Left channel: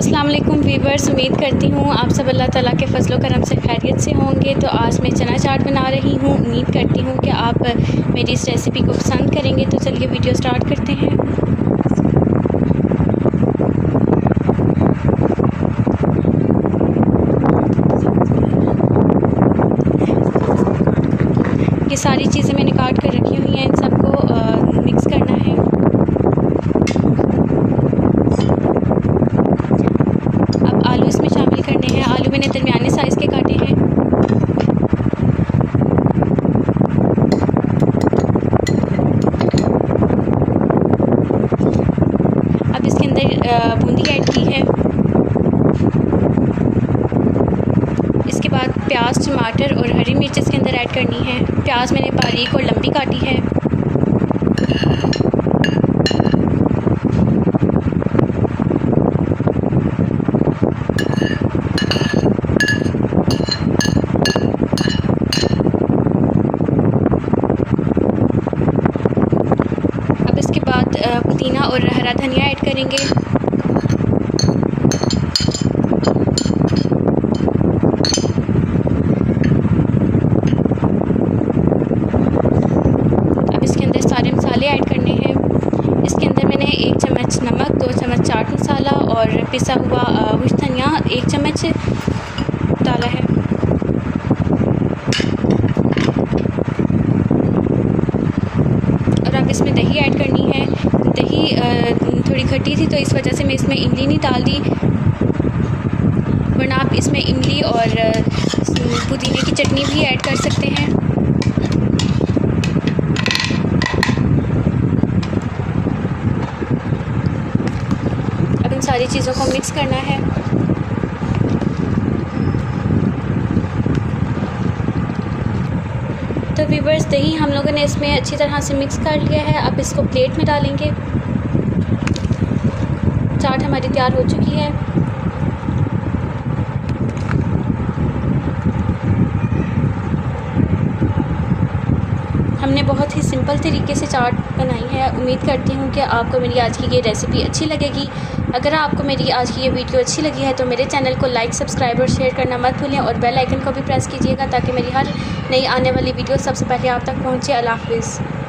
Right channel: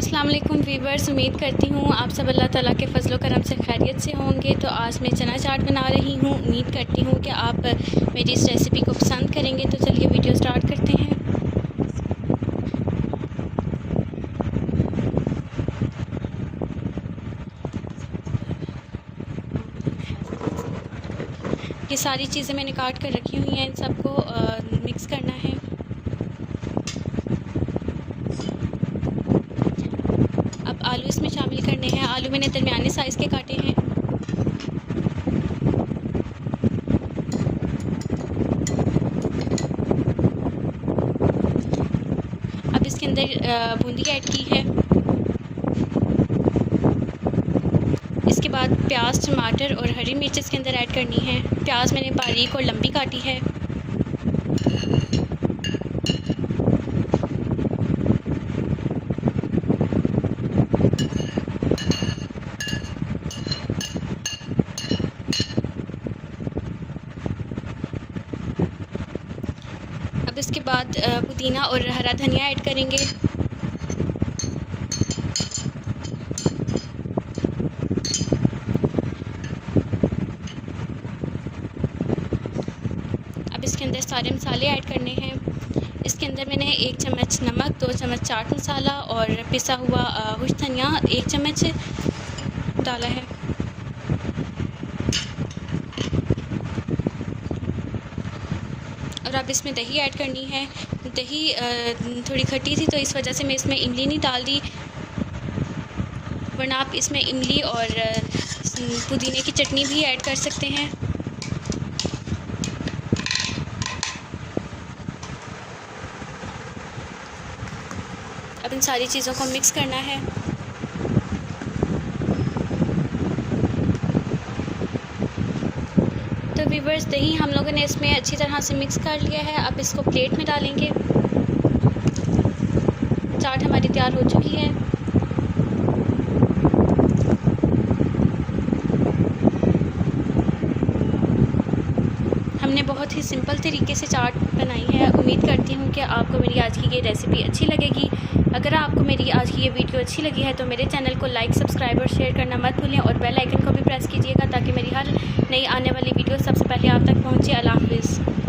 अस्सलाम वालेकुम वीवर्स, उम्मीद करती हूँ आप सब अल्लाह ताला के फजल व करम से खैरियत से होंगे। तो आज मैं चना चाट बना रही हूँ। उम्मीद करती हूँ कि आप मेरी इस रेसिपी को पसंद करेंगे। तो चलिए वीडियो स्टार्ट करते हैं। ये सारी चीज़ें मैंने काट कर रखी हुई हैं, इन सबको मिक्स करना है। अब आलू इसमें शामिल करने हैं। आलू मैंने दरमियाने साइज़ के काटे हैं। अब इसके अंदर बूंदी ऐड की है। इसके बाद प्याज, टमाटर और हरी मिर्च इसके अंदर ऐड करनी है। प्याज मैंने बारीक और लंबी काटी है। अब इसके बाद पुदीना और हरा धनिया ऐड करेंगे। अब इसके अंदर सारे मसाले ऐड करने हैं। इसके अंदर मैंने 1 चम्मच नमक, 2 चम्मच चाट मसाला और पिसा हुआ बुश धनिया 1 चम्मच डाला है। और अब इसमें दही ऐड करनी है। दही थोड़ी खट्टी थी तो इस वजह से मैं इसमें इमली नहीं डाल दी, वरना आप इसमें इमली और पुदीने की चटनी भी ऐड कर सकते हैं। अब इन सारी चीज़ों को मिक्स करना है। तो व्यूअर्स, दही हम लोगों ने इसमें अच्छी तरह से मिक्स कर लिया है। अब इसको प्लेट में डालेंगे। चाट हमारी तैयार हो चुकी है। हमने बहुत ही सिंपल तरीके से चाट बनाई है। उम्मीद करती हूँ कि आपको मेरी आज की ये रेसिपी अच्छी लगेगी। अगर आपको मेरी आज की ये वीडियो अच्छी लगी है तो मेरे चैनल को लाइक, सब्सक्राइब और शेयर करना मत भूलें और बेल आइकन को भी प्रेस कीजिएगा ताकि मेरी हर नई आने वाली वीडियो सबसे पहले आप तक पहुँचे। अल्लाह हाफ़िज़।